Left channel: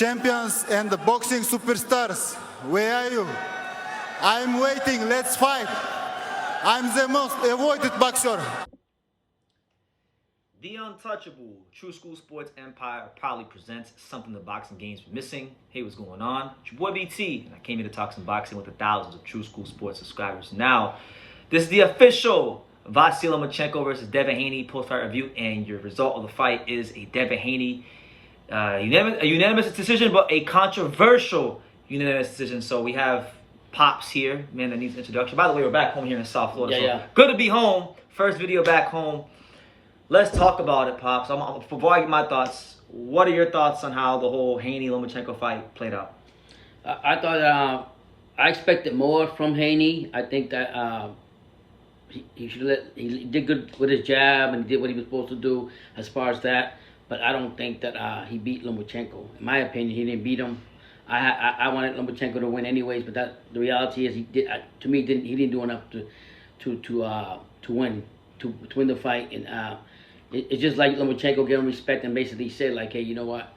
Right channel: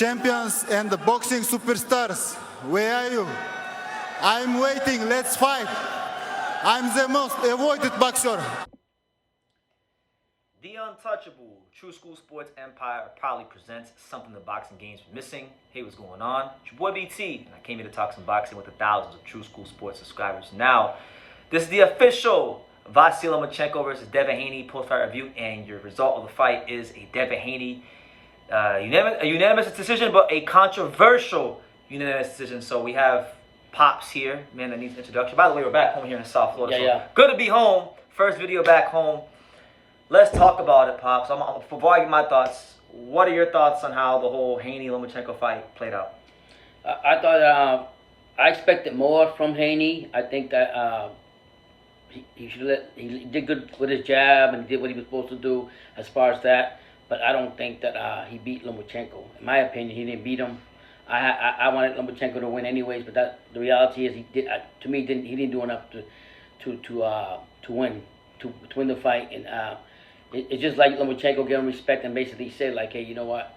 champions and the boxing superstars, where are you? I'm waiting, let's fight. I'm the most avoided boxer. The untouchable True School Sports Empire proudly presents something the boxing games were missing. Hey, what's going on? It's your boy BT, and I came here to talk some boxing with the thousands of True School Sports subscribers. Now, this is the official Vasyl Lomachenko versus Devin Haney post-fight review, and your result of the fight is a Devin Haney unanimous decision, but a controversial unanimous decision. So we have Pops here, man that needs introduction. By the way, we're back home here in South Florida. Yeah. Good to be home. First video back home. Let's talk about it, Pops. Before I get my thoughts, what are your thoughts on how the whole Haney-Lomachenko fight played out? I thought I expected more from Haney. I think that he did good with his jab and he did what he was supposed to do as far as that. But I don't think that he beat Lomachenko. In my opinion, he didn't beat him. I wanted Lomachenko to win anyways, but the reality is he didn't do enough to win the fight. And it's just like Lomachenko gave him respect and basically said, like, hey, you know what,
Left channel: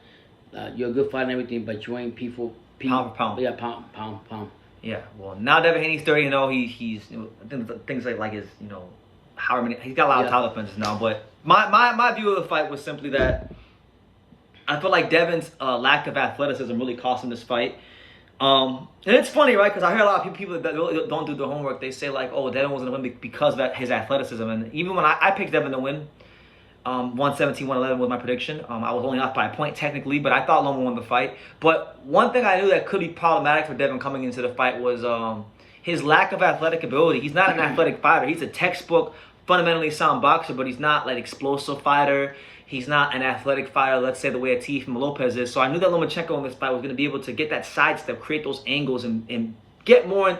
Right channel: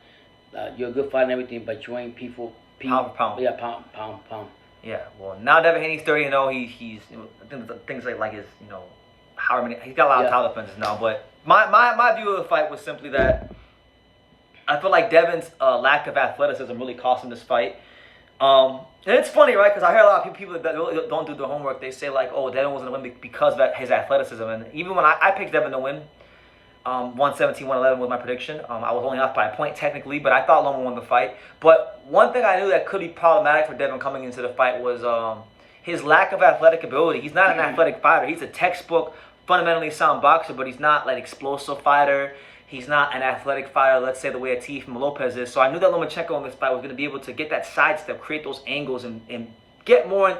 you're a good fighter and everything, but you ain't people Pound for pound. Yeah, pound. Yeah. Well, now Devin Haney's 30-0. He's things like his however many, he's got a lot of title defenses now. But my view of the fight was simply that I feel like Devin's lack of athleticism really cost him this fight. And it's funny, right? Because I hear a lot of people that really don't do their homework. They say like, oh, Devin wasn't going to win because of his athleticism. And even when I picked Devin to win, 117, 111 was my prediction. I was only off by a point technically, but I thought Loma won the fight. But one thing I knew that could be problematic for Devin coming into the fight was his lack of athletic ability. He's not an athletic fighter. He's a textbook, fundamentally sound boxer, but he's not like explosive fighter. He's not an athletic fighter, let's say the way a Teofimo Lopez is. So I knew that Lomachenko in this fight was going to be able to get that sidestep, create those angles, and get more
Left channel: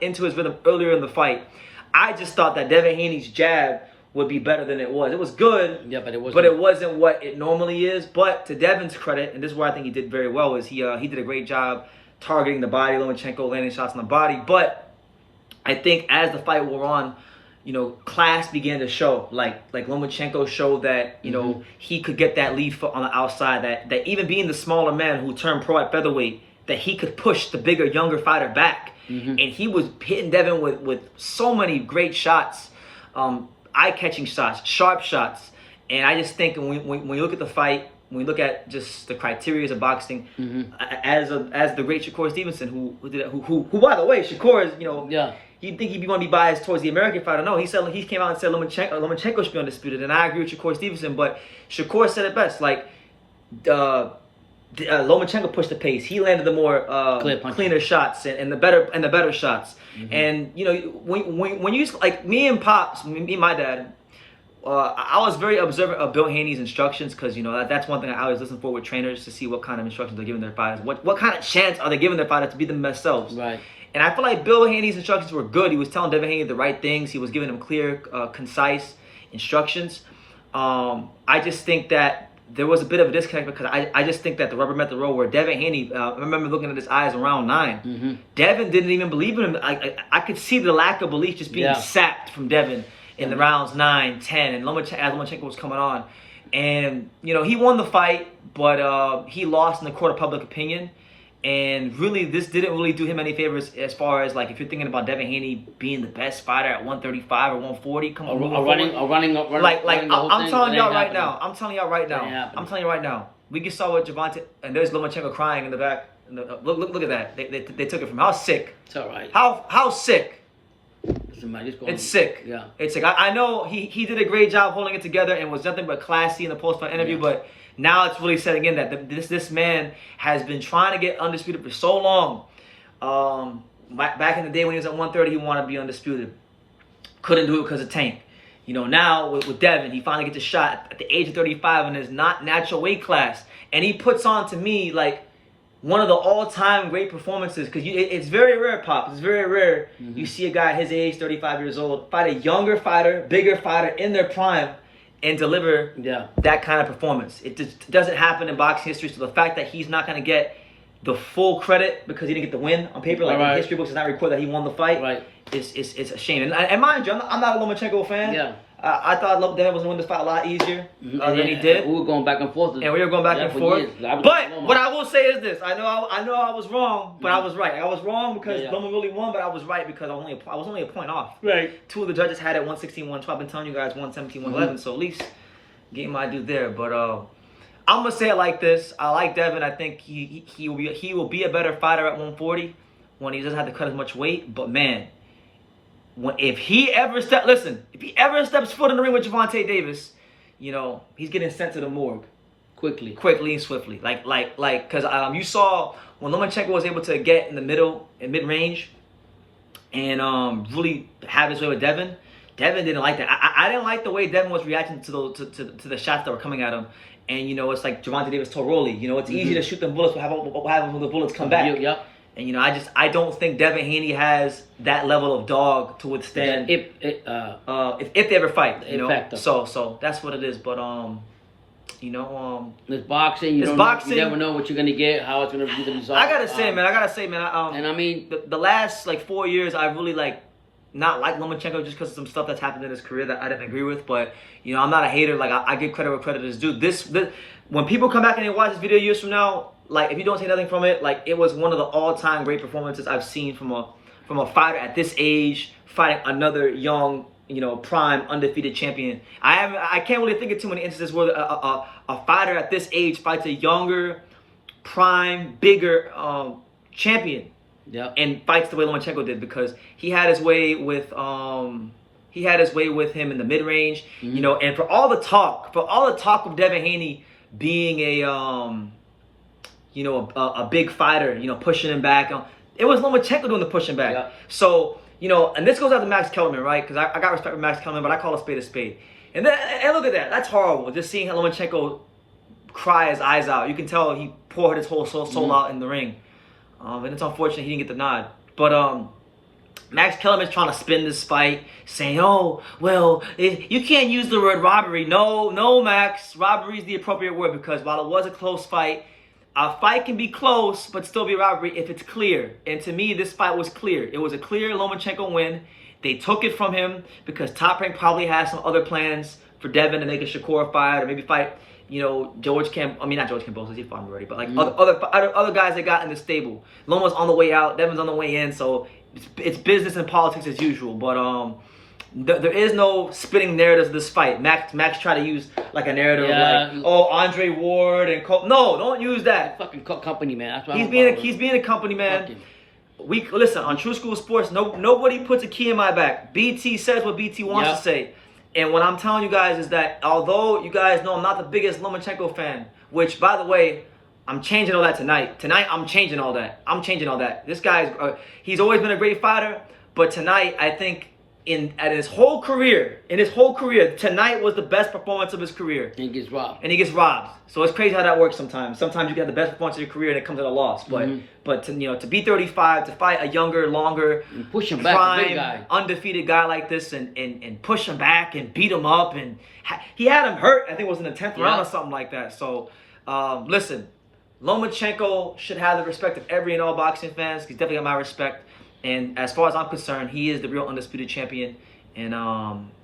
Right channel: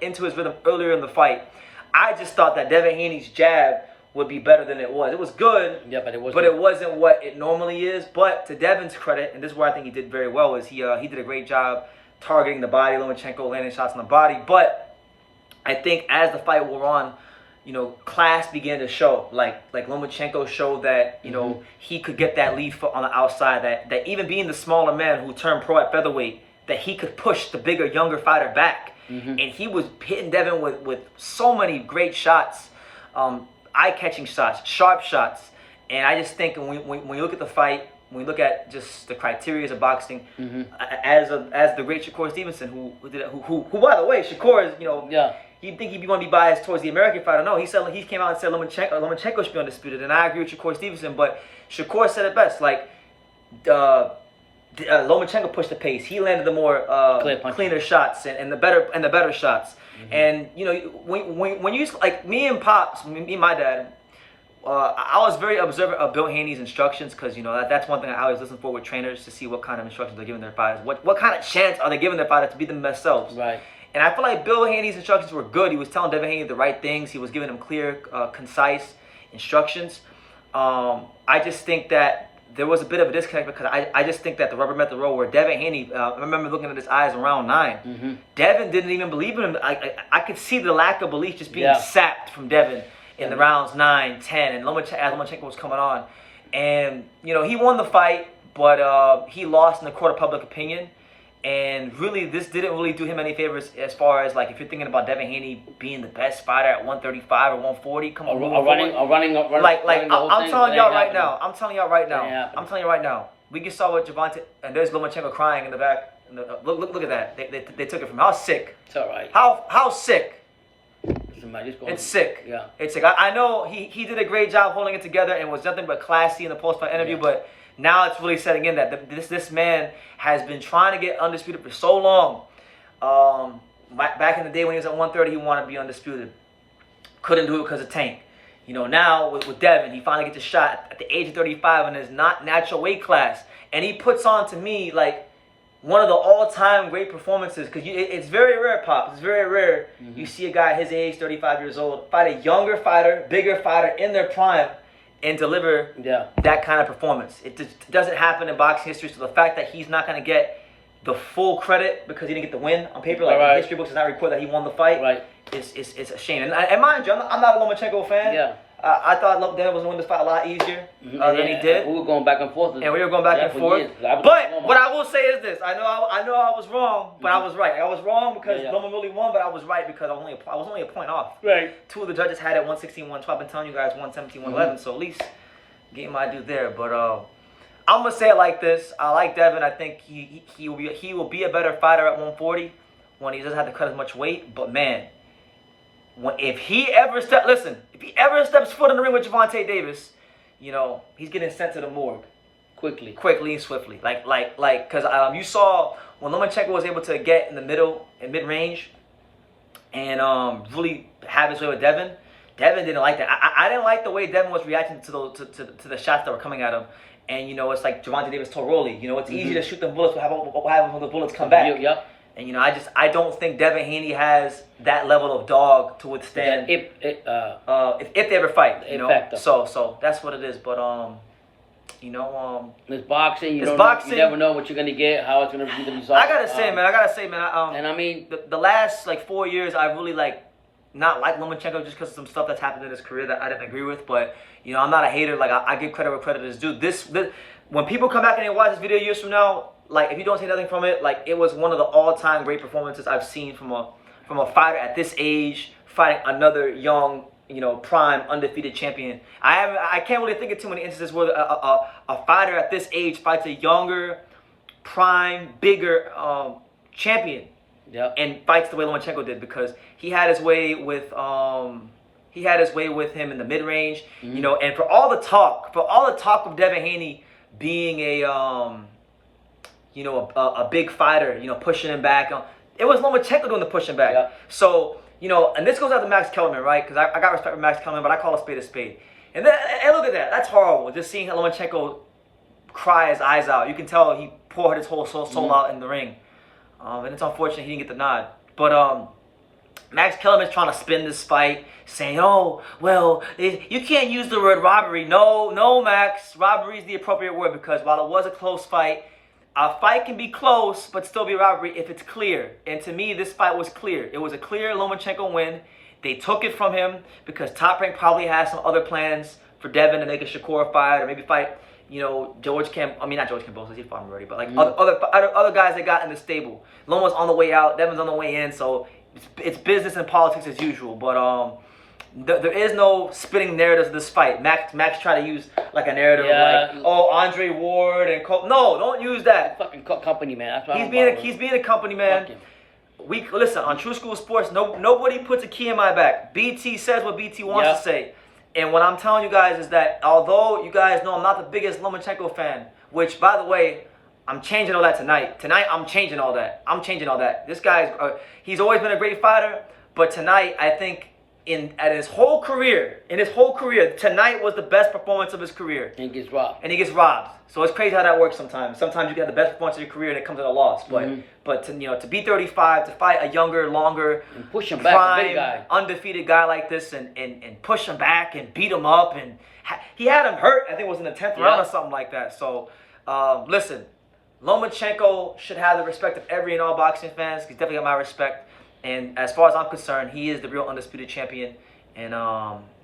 into his rhythm earlier in the fight. I just thought that Devin Haney's jab would be better than it was. It was good, yeah, but it wasn't what it normally is. But to Devin's credit, and this is where I think he did very well, is he did a great job targeting the body. Lomachenko landing shots on the body. But I think as the fight wore on, class began to show. Like Lomachenko showed that he could get that lead foot on the outside. That even being the smaller man who turned pro at featherweight, that he could push the bigger, younger fighter back. And he was hitting Devin with so many great shots. Eye-catching shots, sharp shots, and I just think when you look at the fight, when we look at just the criteria of boxing, as the great Shakur Stevenson, who by the way, Shakur is you'd think he'd want to be biased towards the American fighter. No, he came out and said Lomachenko should be undisputed, and I agree with Shakur Stevenson. But Shakur said it best, like Lomachenko pushed the pace. He landed the more cleaner shots and the better shots. And when you like me and Pops, me and my dad, I was very observant of Bill Haney's instructions because that's one thing I always listen for with trainers to see what kind of instructions they're giving their fighters. What kind of chance are they giving their fighters to be themselves? Right. And I feel like Bill Haney's instructions were good. He was telling Devin Haney the right things. He was giving him clear, concise instructions. I just think that there was a bit of a disconnect because I just think that the rubber met the road where Devin Haney, I remember looking at his eyes in round 9. Devin didn't even believe in him. I could see the lack of belief just being sapped from Devin in the rounds 9, 10, and as Lomachenko was coming on. And, he won the fight, but he lost in the court of public opinion. And really, this didn't really do him any favors as far as, like, if you're thinking about Devin Haney being the best fighter at 135 or 140, come on. I'm telling y'all right now. I'm telling y'all right now. We just saw what Javante, and there's Lomachenko crying in the back. Look at that. They took it from him. How sick. It's all right. How sick. It's sick. Yeah. It's sick. I know he did a great job holding it together and was nothing but classy in the post-fight interview, but now it's really setting in that this man has been trying to get undisputed for so long. Back in the day when he was at 130, he wanted to be undisputed. Couldn't do it because of Tank. Now with Devin, he finally gets a shot at the age of 35 in his not natural weight class. And he puts on, to me, like, one of the all-time great performances. Because it's very rare, Pop. It's very rare you see a guy his age, 35 years old, fight a younger fighter, bigger fighter in their prime, and deliver that kind of performance. It just doesn't happen in boxing history. So the fact that he's not going to get the full credit because he didn't get the win on paper, like history books does not record that he won the fight, it's a shame. And mind you, I'm not a Lomachenko fan. Yeah. I thought Devin was going to win this fight a lot easier than he did. We were going back and forth. And we were going back and forth. Years. But what I will say is this: I know I was wrong, but I was right. I was wrong because Loma really won, but I was right because I was only a point off. Right. 2 of the judges had it 116, 112. I've been telling you guys 117, 111. So at least getting my due there. But I'm gonna say it like this: I like Devin. I think he will be a better fighter at 140 when he doesn't have to cut as much weight. But man, if he ever steps foot in the ring with Gervonta Davis, you know, he's getting sent to the morgue quickly and swiftly. Because you saw when Lomachenko was able to get in the middle and mid range and really have his way with Devin. Devin didn't like that. I didn't like the way Devin was reacting to the shots that were coming at him. And, you know, it's like Gervonta Davis told Rolly, you know, it's easy to shoot them bullets, but what happens when the bullets come back? Yep. And, you know, I don't think Devin Haney has that level of dog to withstand if they ever fight, you know. So that's what it is. But, you know, it's boxing. You never know what you're going to get, how it's going to be the result. I got to say, man, and I mean, the last, 4 years, I really, not like Lomachenko just because of some stuff that's happened in his career that I didn't agree with. But, you know, I'm not a hater. I give credit where credit is due. This when people come back and they watch this video years from now, if you don't take nothing from it, it was one of the all-time great performances I've seen from a fighter at this age fighting another young, you know, prime undefeated champion. I can't really think of too many instances where a fighter at this age fights a younger, prime, bigger champion. Yeah. And fights the way Lomachenko did because he had his way with him in the mid range, you know. And for all the talk of Devin Haney being a big fighter, you know, pushing him back, it was Lomachenko doing the pushing back. Yeah. So, you know, and this goes out to Max Kellerman, right? Because I got respect for Max Kellerman, but I call a spade a spade. And then look at that, that's horrible. Just seeing Lomachenko cry his eyes out. You can tell he poured his whole soul out in the ring. And it's unfortunate he didn't get the nod. But Max Kellerman's trying to spin this fight, saying, oh, well, you can't use the word robbery. No, Max. Robbery is the appropriate word because while it was a close fight, a fight can be close but still be robbery if it's clear. And to me, this fight was clear. It was a clear Lomachenko win. They took it from him because Top Rank probably has some other plans for Devin to make a Shakur fight or maybe fight, you know, not George Kambosos, he fought him already, but other guys they got in the stable. Loma's on the way out, Devin's on the way in, so it's business and politics as usual. But there is no spinning narratives of this fight. Max tried to use a narrative of Andre Ward and Cole. No, don't use that. Fucking company man. That's he's being a company man. Listen, on True School Sports, nobody puts a key in my back. BT says what BT wants to say. And what I'm telling you guys is that although you guys know I'm not the biggest Lomachenko fan, which, by the way, I'm changing all that tonight. Tonight, I'm changing all that. This guy's, he's always been a great fighter, but tonight, I think, in his whole career, tonight was the best performance of his career. And he gets robbed. So it's crazy how that works sometimes. Sometimes you get the best performance of your career and it comes at a loss. But to be 35, to fight a younger, longer, and push him back, prime, big guy, undefeated guy like this and push him back and beat him up and he had him hurt. I think it was in the 10th round or something like that. So listen, Lomachenko should have the respect of every and all boxing fans. He's definitely got my respect. And as far as I'm concerned, he is the real undisputed champion. And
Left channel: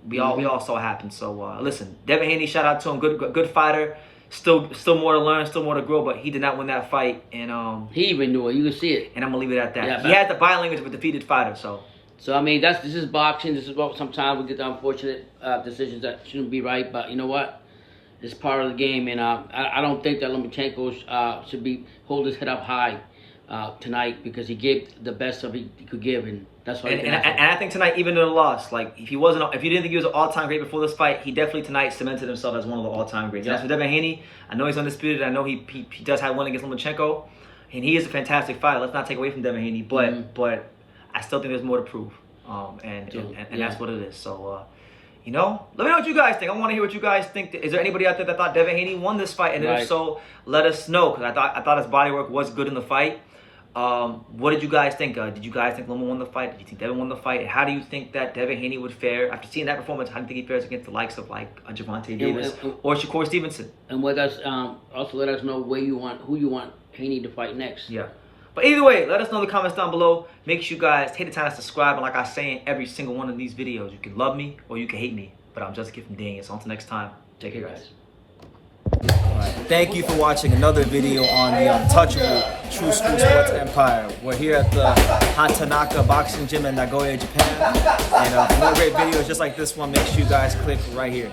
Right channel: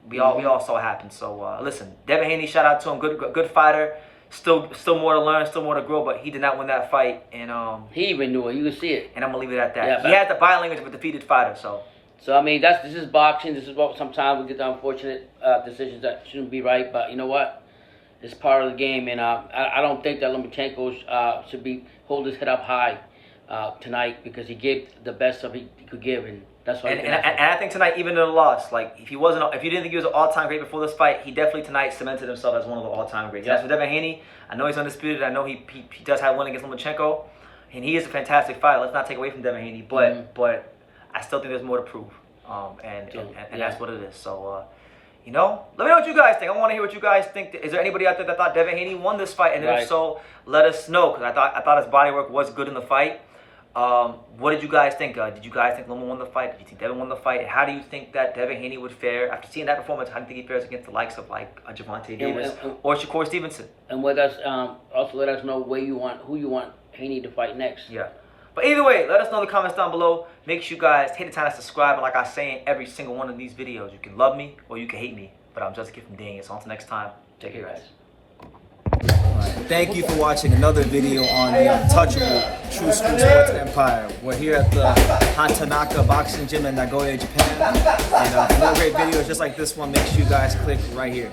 we all saw it happen. So listen, Devin Haney, shout out to him. Good fighter. Still more to learn, still more to grow, but he did not win that fight. And he even knew it. You can see it. And I'm gonna leave it at that. Yeah, he has the body language of a defeated fighter. So I mean, this is boxing. This is what sometimes we get the unfortunate decisions that shouldn't be right. But you know what? It's part of the game, and I don't think that Lomachenko should hold his head up high tonight because he gave the best of he could give, and that's why. And I think tonight, even in a loss, if you didn't think he was an all-time great before this fight, he definitely tonight cemented himself as one of the all-time greats. As for Devin Haney, I know he's undisputed. I know he does have one against Lomachenko, and he is a fantastic fighter. Let's not take away from Devin Haney, but I still think there's more to prove, and that's what it is. So. You know, let me know what you guys think. I want to hear what you guys think. Is there anybody out there that thought Devin Haney won this fight? And if so, let us know. Because I thought his body work was good in the fight. What did you guys think? Did you guys think Loma won the fight? Did you think Devin won the fight? And how do you think that Devin Haney would fare after seeing that performance? How do you think he fares against the likes of Gervonta Davis or Shakur Stevenson? And also let us know who you want Haney to fight next. Yeah. But either way, let us know in the comments down below. Make sure you guys take the time to subscribe. And like I say in every single one of these videos, you can love me or you can hate me. But I'm just a kid from Daniel. So until next time, take care, guys. Thank you for watching another video on the untouchable True School Sports Empire. We're here at the Hatanaka Boxing Gym in Nagoya, Japan. And for more great videos just like this one, make sure you guys click right here.